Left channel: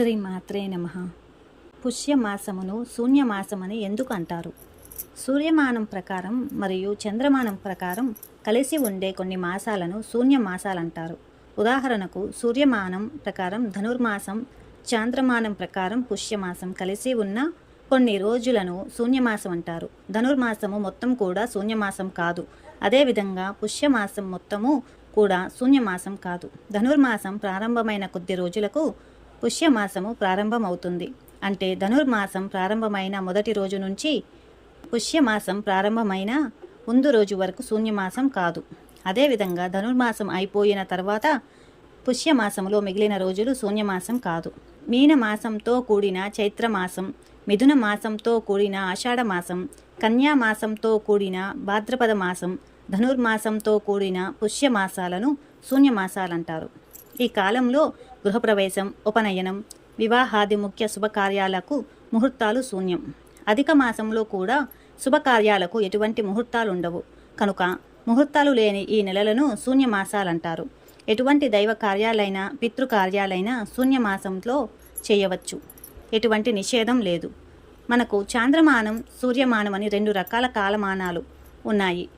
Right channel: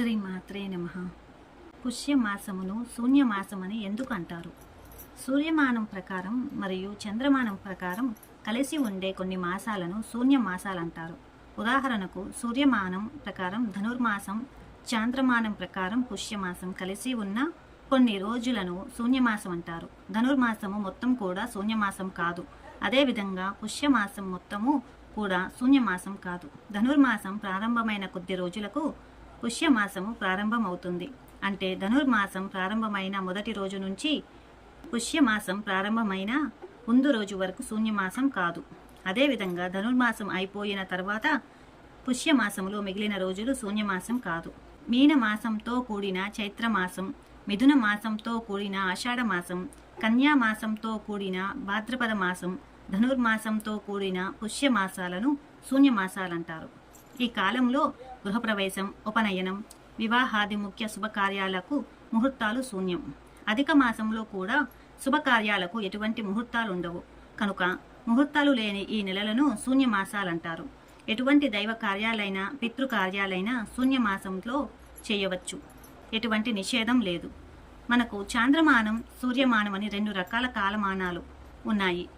శ్రీ మాత్రే నమ. పుష్యమాసమును శూన్యమాసమని ఎందుకు అంటారు? సూర్యమానం ప్రకారం మరియు చంద్రమానం ప్రకారం కలిసి ఉండే కొన్ని మాసాలను శూన్య మాసాలంటారు ఉదాహరణకు సూర్యమానం ప్రకారం ధనుర్మాసం చాంద్రమానం ప్రకారం పుష్యమాసం కలిసి ఉన్న కొన్ని రోజులను శూన్యమాసం అంటారు ధనుర్మాసము మొత్తం కూడా శూన్యమాసం కాదు. అదేవిధంగా పుష్యమాసం మొత్తము కూడా శూన్యమాసం కాదు. ధనుర్మాసం ప్రారంభమైన కొద్ది రోజులకు పుష్యమాసము ప్రారంభమవుతుంది. అంటే ధనుర్మాసం ప్రారంభమైన మొదటి రోజు నుంచి పుష్యమాసం ప్రారంభమైన ముందు రోజు వరకు శూన్యమాసం కాదు. అదేవిధంగా ధనుర్మాసం అయిపోయిన తర్వాత పుష్యమాసంలో మిగిలిన రోజులు శూన్యమాసం కాదు. మీనమాసంతో కూడిన చైత్రమాసం మిథున మాసంతో కూడిన ఆషాఢమాసం కన్యామాసంతో కూడిన భాద్రపద మాసం ధనుర్మాసంతో కూడిన పుష్యమాసాలను శూన్యమాసాలంటారు. ఈ కాలంలో గృహప్రవేశం ఉపనయనం వివాహాది ముఖ్య శుభకార్యాలకు ముహూర్తాలు శూన్యం. అధిక మాసంలో కూడా శుభకార్యాలకు ఎటువంటి ముహూర్తాలు ఉండవు కనుక ముహూర్తాలు లేని ఈ నెలలను శూన్యమాసాలంటారు. ఎటువంటి దైవ కార్యాలైనా పితృకార్యాలైనా శూన్యమాసంలో చేయవచ్చు. ఎటువంటి నిషేధం లేదు. మనకు చాంద్రమానం సూర్యమానం అని రెండు రకాల కాలమానాలు ఉన్నాయి.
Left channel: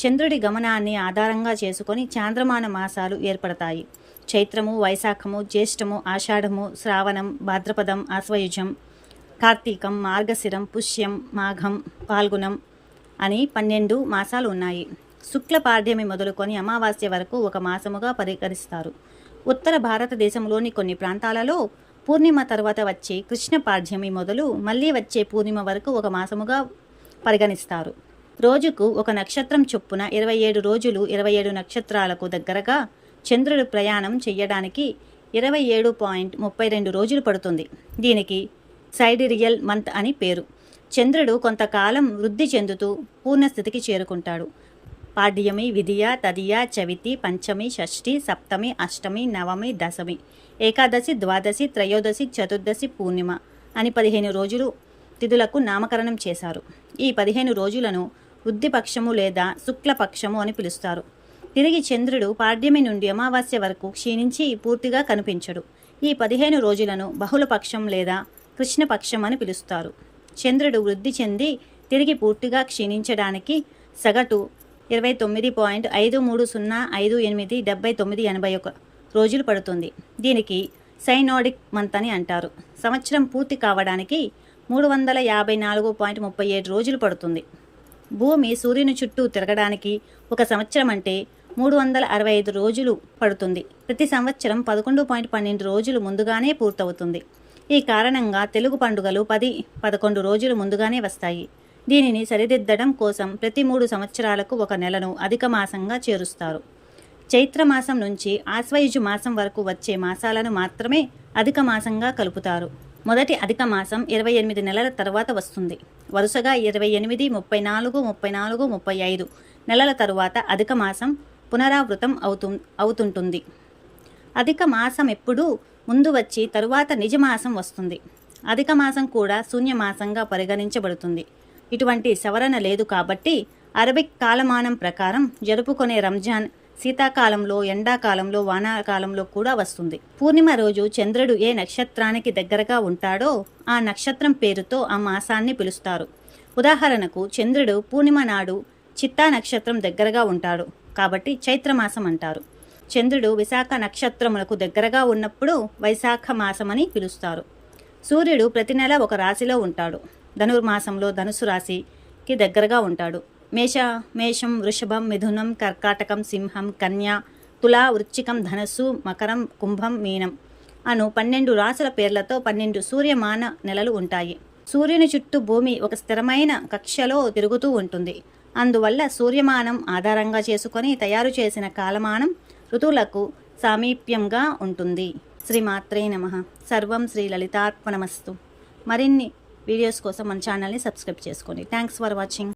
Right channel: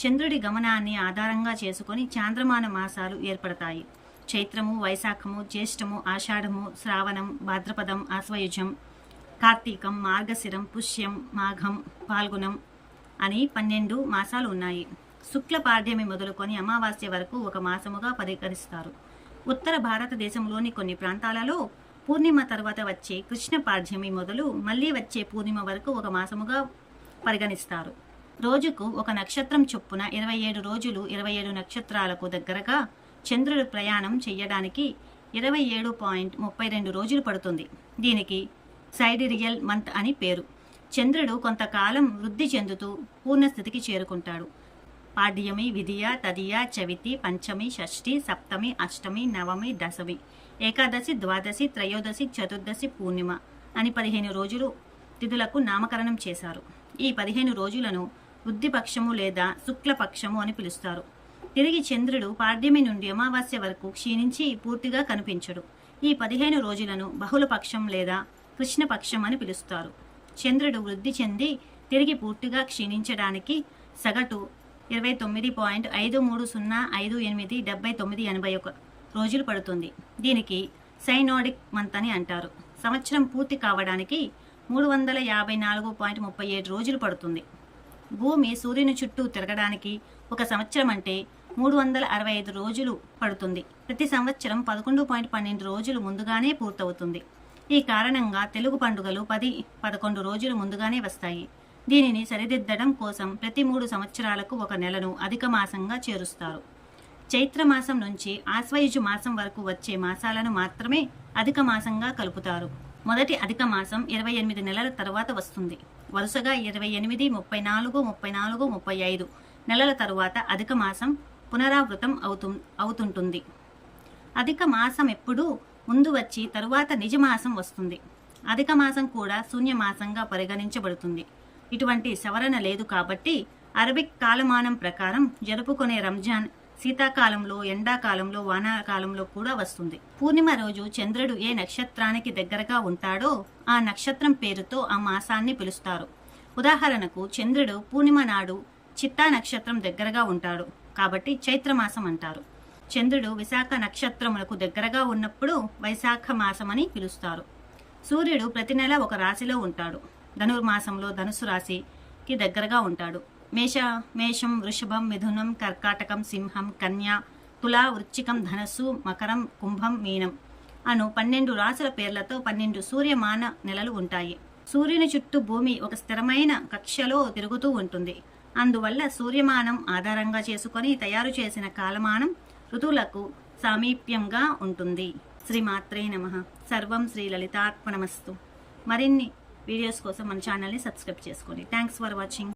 చంద్రుడి గమనాన్ని ఆధారంగా చేసుకొని చాంద్రమాన మాసాలు ఏర్పడతాయి. చైత్రము వైశాఖము జ్యేష్ఠము ఆషాఢము శ్రావణం భాద్రపదం ఆశ్వయుజం కార్తీకం మార్గశిరం పుష్యం మాఘం పాల్గుణం అని పన్నెండు మాసాలు ఉన్నాయి. శుక్ల పాడ్యమి మొదలుకొని అమావాస్య వరకు ఒక మాసముగా పరిగణిస్తారు. ఉత్తర భారతదేశంలోని కొన్ని ప్రాంతాలలో పూర్ణిమ తర్వాత వచ్చే కృష్ణ పాడ్యమి మొదలు మళ్ళీ వచ్చే పూర్ణిమ వరకు ఒక మాసముగా పరిగణిస్తారు. రోజుకు ఒక నక్షత్రం చొప్పున ఇరవై ఏడు రోజులు ఇరవై ఏడు నక్షత్రాలకు దగ్గరగా చంద్రుడు ప్రయాణం చెయ్యడానికి ఇరవై ఏడు పాయింట్ ముప్పై రెండు రోజులు పడుతుంది. దీనికి సైడిరియల్ మంత్ అని పేరు. చంద్రుడు కొంతకాలం వృద్ధి చెందుతూ పూర్ణస్థితికి చేరుకుంటాడు. పాడ్యమి విధియ తదియ చవితి పంచమి షష్ఠి సప్తమి అష్టమి నవమి దశమి ఏకాదశి ద్వాదశి త్రయోదశి చతుర్దశి పూర్ణిమ అని పదిహేను రోజులు తిథులకు నామకరణం చేశారు. ఈ పదిహేను రోజులను వృద్ధిపక్షము లేదా శుక్లపక్షము అని పిలుస్తారు. తిరిగి చంద్రుడు పాడ్యమి నుండి అమావాస్య వరకు క్షీణించి పూర్తిగా కనిపించడు. ఈ పదిహేను రోజులను బహుళపక్షం లేదా కృష్ణపక్షం అని పిలుస్తారు. చంద్రుడు వృద్ధి చెంది తిరిగి పూర్తిగా క్షీణించడానికి సగటు ఇరవై తొమ్మిది పాయింట్ ఐదు మూడు సున్నా ఐదు ఎనిమిది డెబ్బై తొమ్మిది ఎనభై ఒక రోజులు పడుతుంది. దీనికి సైనోడిక్ మంత్ అని అంటారు. సంవత్సరం పూర్తి కావడానికి మూడు వందల యాభై నాలుగు పాయింట్ ముప్పై ఏడు రోజులు పడుతుంది. భూమి సూర్యుని చుట్టూ తిరగడానికి ఒక సంవత్సరం అంటే మూడు వందల అరవై ఐదు రోజులు పడుతుంది. ప్రతి సంవత్సరం పదకొండు పాయింట్ పన్నెండు రోజులు ముందుగానే పూర్తవుతుంది. ఈ కారణంగా తెలుగు పండుగలు పది పదకొండు రోజులు ముందుగానే వస్తాయి. దీనిని సరిదిద్దడం కోసం ప్రతి మూడు సంవత్సరాలకు ఒక నెలను అధిక మాసంగా చేరుస్తారు. చైత్రమాసం నుంచి ఆశ్వయుజు మాసం వరకు వచ్చే మాసాలను మాత్రమే అధిక మాసంగా కలుపుతారు. మొదటి అధిక మాసం ఇరవై ఎనిమిది నెలల తర్వాత వస్తుంది. వరుసగా ఇరవై ఎనిమిది ముప్పై నాలుగు ముప్పై నాలుగు ముప్పై ఐదు నెలల తరువాత అధిక మాసం పునరావృతం అవుతు అవుతుంటుంది. అధిక మాసం ఎప్పుడూ ముందు వచ్చి తరువాత నిజమాసం వస్తుంది. అధిక మాసం కూడా శూన్యమాసంగా పరిగణించబడుతుంది. ఇటువంటి సవరణ లేదు కాబట్టి అరబిక్ కాలమానం ప్రకారం జరుపుకునే రంజాన్ శీతాకాలంలో ఎండాకాలంలో వానాకాలంలో కూడా వస్తుంది. పూర్ణిమ రోజు చంద్రుడు ఏ నక్షత్రానికి దగ్గరగా ఉంటాడో ఆ నక్షత్రం పేరుతో ఆ మాసాన్ని పిలుస్తారు. ఉదాహరణకు చంద్రుడు పూర్ణిమ నాడు చిత్తా నక్షత్రం దగ్గరగా ఉంటాడు. కాబట్టి చైత్రమాసం అంటారు. చంద్రుడు విశాఖ నక్షత్రములకు దగ్గరగా ఉన్నప్పుడు వైశాఖ మాసమని పిలుస్తారు. సూర్యుడు ప్రతి నెల ఒక రాశిలో ఉంటాడు. ధనుర్మాసంలో ధనుసు రాశికి దగ్గరగా ఉంటాడు. మేష మేషం వృషభం మిథునం కర్కాటకం సింహం కన్య తులా వృచ్చికం ధనస్సు మకరం కుంభం మీనం అను పన్నెండు రాసుల పేర్లతో పన్నెండు సూర్యమాన నెలలు ఉంటాయి. సూర్యుని చుట్టూ భూమి ఒక స్థిరమైన కక్షలో తిరుగుతూ ఉంటుంది. అందువల్ల సూర్యమానం ఆధారంగా చేసుకొని తయారు చేసిన కాలమానం ఋతువులకు సామీప్యంగా ఉంటుంది. శ్రీమాత్రే నమ. సర్వం శ్రీ లలితాత్మనమస్తు మరిన్ని వీడియోస్ కోసం మన ఛానల్ని సబ్స్క్రైబ్ చేసుకోండి. Thanks for watching